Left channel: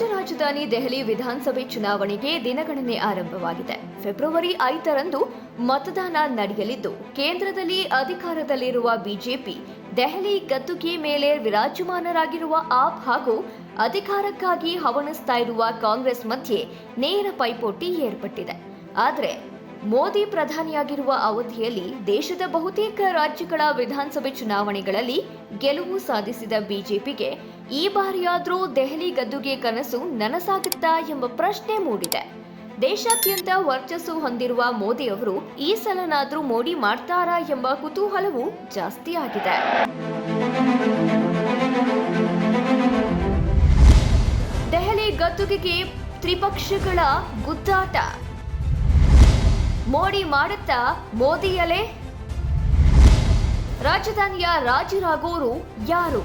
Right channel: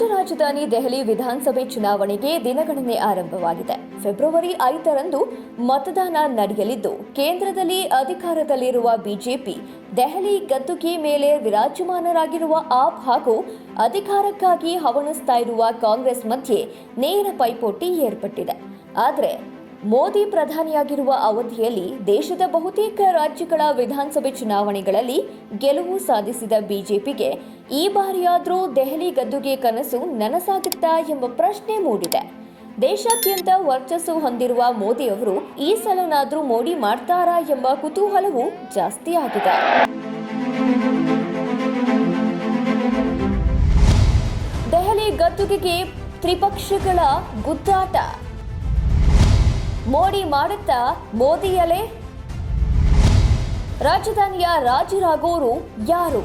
ರಾಜ್ಯ ರಾಜಧಾನಿ ದೆಹಲಿ ವಿಧಾನಸಭೆ ಚುನಾವಣೆಗೆ ದಿನಗಣನೆ ಆರಂಭವಾಗಿದೆ. ಫೆಬ್ರವರಿ ಐದರಂದು ಮತದಾನ ನಡೆಯಲಿದ್ದು, ಕೇಂದ್ರದಲ್ಲಿ ಅಧಿಕಾರದಲ್ಲಿರುವ ಬಿಜೆಪಿ ದೆಹಲಿ ಗದ್ದುಗೆ ಮೇಲೆ ವಿರಾಜಮಾನರಾಗಿರುವ ಆಪ್ ಹಾಗೂ ಅಧಿಕಾರಕ್ಕಾಗಿ ಹವಣಿಸ್ತಾ ಇರುವ ಕಾಂಗ್ರೆಸ್ ಮಧ್ಯೆ ನೇರ ಪೈಪೋಟಿ ಏರ್ಪಟ್ಟಿದೆ. ಆದರೆ ಮೋದಿ ಪ್ರಧಾನಿಯಾಗಿರುವ ಅವಧಿಯಲ್ಲಿ ದೇಶದ ಬಹುತೇಕ ರಾಜ್ಯಗಳ ವಿಧಾನಸಭೆ ಚುನಾವಣೆಗಳಲ್ಲಿ ಗೆಲುವು ಸಾಧಿಸಿದ ಬಿಜೆಪಿಗೆ ಈ ಬಾರಿಯಾದರೂ ದೆಹಲಿ ಗದ್ದುಗೆ ಕನಸು ನನಸಾಗುತ್ತಾ ಎಂಬ ಪ್ರಶ್ನೆ ಮೂಡಿದೆ. ದೇಶಾದ್ಯಂತ ವರ್ಚಸ್ಸು ಹೊಂದಿರುವ ಮೋದಿ ಅವರು ಈ ಸಲನಾದರೂ ಮೋಡಿ ಮಾಡ್ತಾರಾ ಎಂಬ ಕುತೂಹಲವು ಜಾಸ್ತಿ ಆಗಿದೆ. ದೆಹಲಿ ಗದ್ದುಗೆಗೆ ತ್ರಿಪಕ್ಷಗಳ ಗುದ್ದಾಟ. ಮೋಡಿ ಮಾಡುತ್ತಾ ಮೋದಿಯಲೇ? ರಾಜಧಾನಿಯ ರಾಜರಾಗೋರು ಯಾರು?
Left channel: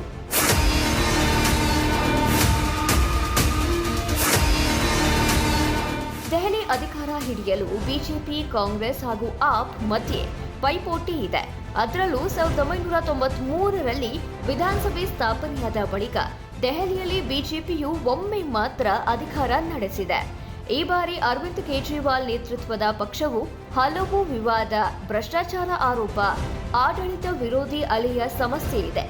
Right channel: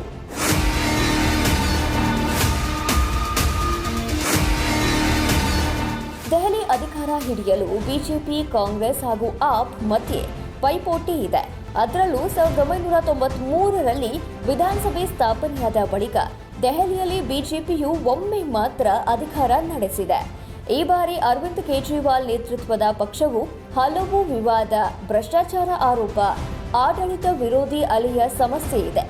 ದೆಹಲಿ ಅಧಿಕಾರ ಹಿಡಿಯಲು ಬಿಜೆಪಿ, ಕಾಂಗ್ರೆಸ್ ಹಾಗೂ ಆಪ್ ಮಧ್ಯೆ ಪೈಪೋಟಿ ಇದೆ. ಅದರಲ್ಲೂ ಸಾವಿರದ ಒಂಬೈನೂರ ತೊಂಬತ್ಮೂರರಲ್ಲಿ ವಿಧಾನಸಭೆ ಸ್ಥಾಪನೆಯಾದ ಬಳಿಕ ದೆಹಲಿಯಲ್ಲಿ ಬಿಜೆಪಿಯು ಒಮ್ಮೆ ಮಾತ್ರ ಅಧಿಕಾರ ನಡೆಸಿದೆ. ಈ ಬಾರಿ ಅರವಿಂದ್ ಕೇಜ್ರಿವಾಲ್ ನೇತೃತ್ವದ ಪಕ್ಷವು ಹಲವು ವಿವಾದ, ಭ್ರಷ್ಟಾಚಾರ ಆರೋಪ, ಆಡಳಿತ ವಿರೋಧಿ ಅಲೆಯ ಸಮಸ್ಯೆ ಇದೆ.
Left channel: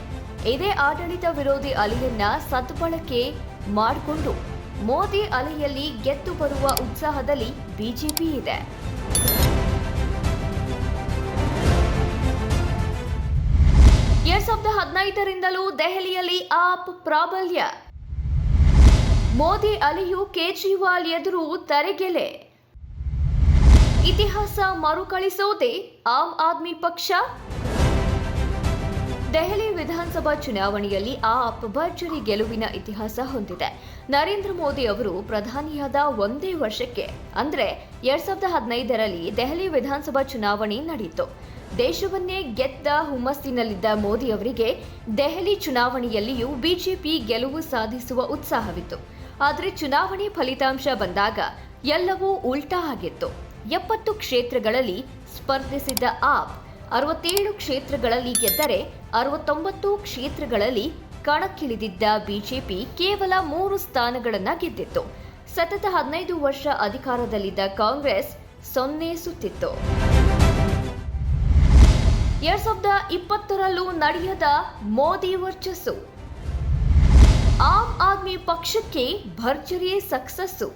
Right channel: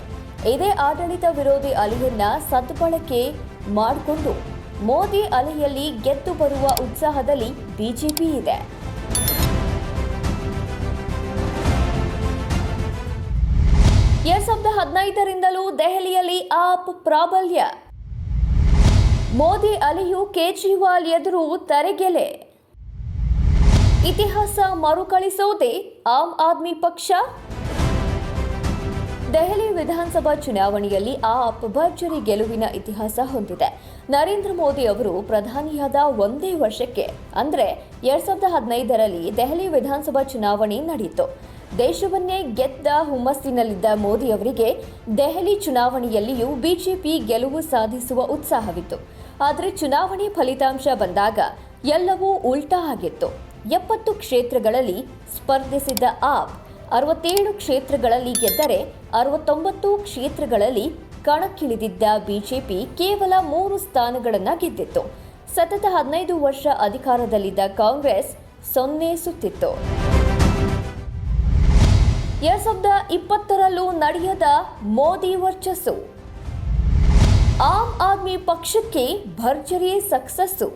ಇದೇ ಆಡಳಿತ ವಿರೋಧಿ ಅಲೆಯನ್ನ ಸದ್ಬಳಕೆ ಮಾಡಿಕೊಂಡು ಮೋದಿ ಅಲೆಯಲ್ಲಿ ಗೆದ್ದು ಬರುವ ಉತ್ಸಾಹದಲ್ಲಿ ಬಿಜೆಪಿ ಇದೆ. ಎರಡ್ ಸಾವಿರದ ಹದಿನೈದರಿಂದಲೂ ದೆಹಲಿಯಲ್ಲಿ ಆಪ್ ಪ್ರಾಬಲ್ಯ. ಮೋದಿ ಅಲಿಯು ಕೇಜ್ರಿವಾಲ್ ಎದುರು ತರೆಗೆಲೆ. ಇತಿಹಾಸ ಮರುಕಳಿಸೋದೇ ಆಮ್ ಆದ್ಮಿ ಪಕ್ಷ. ದೆಹಲಿ ವಿಧಾನಸಭಾ ಚುನಾವಣೆಯಲ್ಲಿ ಆ ಭರ್ಜರಿ ಗೆಲುವಿನ ಇತಿಹಾಸ ಹೊಂದಿದೆ. ನರೇಂದ್ರ ಮೋದಿ ಅವರು ಪ್ರಧಾನಿಯಾದ ಒಂದೇ ವರ್ಷಕ್ಕೆ, ಅಂದ್ರೆ ಎರಡ್ ಸಾವಿರದ ಹದಿನೈದರಲ್ಲಿ ದೆಹಲಿ ವಿಧಾನಸಭಾ ಚುನಾವಣೆ ನಡೆಯಿತು. ದೇಶವನ್ನೇ ಗೆದ್ದ ಹುಮ್ಮಸ್ಸಿನಲ್ಲಿದ್ದ ಮೋದಿ ಅವರಿಗೆ ದೆಹಲಿ ಚುನಾವಣೆಯಲ್ಲಿಯೂ ಬಿಜೆಪಿ ಗೆಲುವು ಸಾಧಿಸುವ ಉತ್ಸಾಹವಿತ್ತು. ಆದರೆ ಚುನಾವಣೆ ಫಲಿತಾಂಶ ಬಂದಾಗ ಎಲ್ಲವೂ ಉಲ್ಟಾ ಆಗಿತ್ತು. ಎಪ್ಪತ್ತು ಕ್ಷೇತ್ರಗಳಲ್ಲಿ ಸ್ಪರ್ಧಿಸಿದ್ದ ಆಪ್ ಅರವತ್ತೇಳು ಕ್ಷೇತ್ರಗಳಲ್ಲಿ ಗೆದ್ದರೆ ಅರವತ್ತೊಂಬತ್ತು ಕ್ಷೇತ್ರಗಳಲ್ಲಿ ಕಣಕ್ಕಿಳಿದಿದ್ದ ಬಿಜೆಪಿ ಕೇವಲ ಮೂರು ಸ್ಥಾನಗಳನ್ನು ಗೆದ್ದಿತ್ತು. ಸತತ ಹದಿನೈದು ವರ್ಷ ಅಧಿಕಾರದಲ್ಲಿದ್ದ ಕಾಂಗ್ರೆಸ್ ಸೊನ್ನೆ ಸುತ್ತಿತ್ತು. ಎರಡ್ ಸಾವಿರದ ಇಪ್ಪತ್ತರಲ್ಲೂ ನಡೆಯದ ಮೋದಿ ವರ್ಚಸ್ಸು. ಆಮ್ ಆದ್ಮಿ ಪಕ್ಷಕ್ಕೆ ಭರ್ಜರಿ ಸಕ್ಸಸ್ಸು.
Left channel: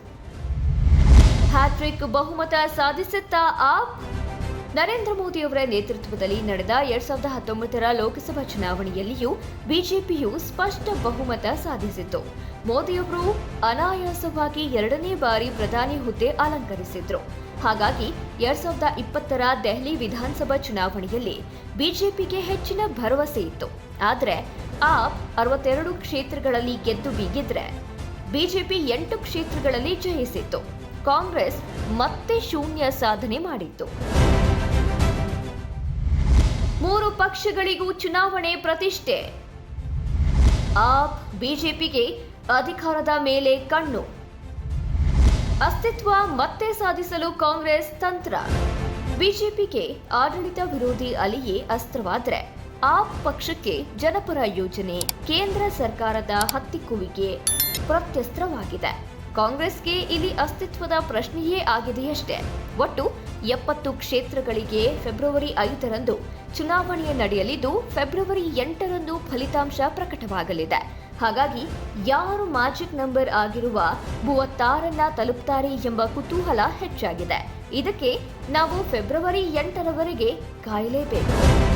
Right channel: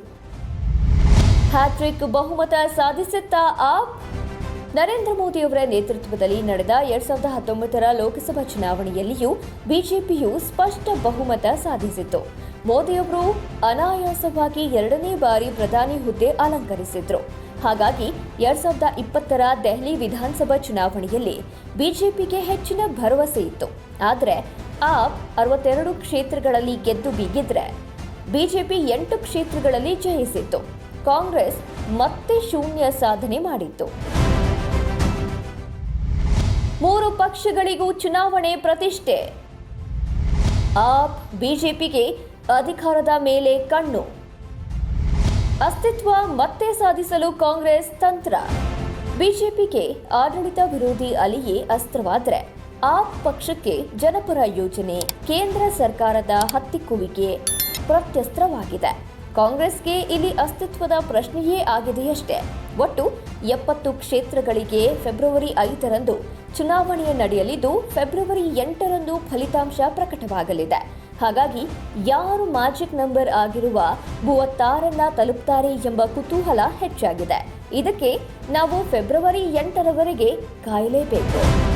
ಹ್ಯಾಟ್ರಿಕ್ ಬಹುಮತ ಸಾಧಿಸುತ್ತಾ ಆಪ್ ನರೇಂದ್ರ ಮೋದಿಯವರ ನೇತೃತ್ವದಲ್ಲಿ ನಡೆದ ಎರಡ್ ಸಾವಿರದ ಹತ್ತೊಂಬತ್ತರ ಲೋಕಸಭಾ ಚುನಾವಣೆಯಲ್ಲಿಯೂ ಬಿಜೆಪಿಯು ಸ್ಪಷ್ಟ ಬಹುಮತ ಸಾಧಿಸಿತ್ತು. ಮೋದಿಯವರು ಅನಾಯಾಸವಾಗಿ ಎರಡನೇ ಬಾರಿ ಪ್ರಧಾನಿ ಹುದ್ದೆ ಅಲಂಕರಿಸಿದ್ರು. ಹಾಗಾಗಿ ಎರಡ್ ಸಾವಿರದ ಇಪ್ಪತ್ತರ ದೆಹಲಿ ವಿಧಾನಸಭಾ ಚುನಾವಣೆಯಲ್ಲಿ ಬಿಜೆಪಿಗೆ ಹೆಚ್ಚಿನ ಭರವಸೆ ಇತ್ತು. ಆದರೆ ಆಪ್ ಅರವತ್ತೆರಡು ಕ್ಷೇತ್ರಗಳಲ್ಲಿ ಗೆದ್ದು ಬೀಗಿದ್ರೆ ಬಿಜೆಪಿ ಎಂಟು ಕ್ಷೇತ್ರಗಳಲ್ಲಿ ಜಯಿಸಿತ್ತು. ಕಾಂಗ್ರೆಸ್ ಮತ್ತೆ ಶೂನ್ಯ ಸಾಧನೆ ಮಾಡಿತ್ತು. ಮೂರು ಪಕ್ಷಗಳಿಗೂ ಚುನಾವಣೆ ಪ್ರತಿಷ್ಠೆ. ಆಪ್ ಬಿಜೆಪಿಗೆ ಅಧಿಕಾರದ ಮೇಲೆ ಕಣ್ಣು. ಅಸ್ತಿತ್ವ ಮತ್ತೆ ಸಾಧಿಸಲು ಕಾಂಗ್ರೆಸ್ ತಂತ್ರ. ಬಿಜೆಪಿಗೆ ಆಡಳಿತ ವಿರೋಧಿ ಅಲಿಯೇ ಅಸ್ತ್ರವಾದರೆ. ಆಪ್ ಪಕ್ಷಕ್ಕೆ ಜನಪರ ಯೋಜನೆ ಕೇಂದ್ರ ಸರ್ಕಾರದ ಹತ್ತಿಕ್ಕುವಿಕೆ ಪ್ರತ್ಯಸ್ತ್ರವಾಗಿದೆ. ಕಾಂಗ್ರೆಸ್ಗೆ ಇಲ್ಲಿ ಅಸ್ತಿತ್ವದ ಪ್ರಶ್ನೆಯೇ ಆಗಿದೆಯಷ್ಟೇ. ಒಟ್ಟು ಎಪ್ಪತ್ತು ಕ್ಷೇತ್ರಗಳಿಗೆ ಫೆಬ್ರವರಿ ಐದರಂದು ಚುನಾವಣೆ ನಡೆಯಲಿದ್ದು, ಫೆಬ್ರವರಿ ಎಂಟರಂದು ಫಲಿತಾಂಶ ಪ್ರಕಟವಾಗಲಿದೆ. ಹಾಗಾಗಿ ಯಾರು ಮ್ಯಾಜಿಕ್ ನಂಬರ್ ಆಗಿರುವ ಮೂವತ್ತಾರನ್ನ ತಲುಪ್ತಾರೆ ಎಂಬ ಕುತೂಹಲ ಹೆಚ್ಚಾಗಿದೆ. ಇದಕ್ಕೆ ನಾವು ಫೆಬ್ರವರಿ ಎಂಟರವರೆಗೆ ಕಾಯಲೇಬೇಕು.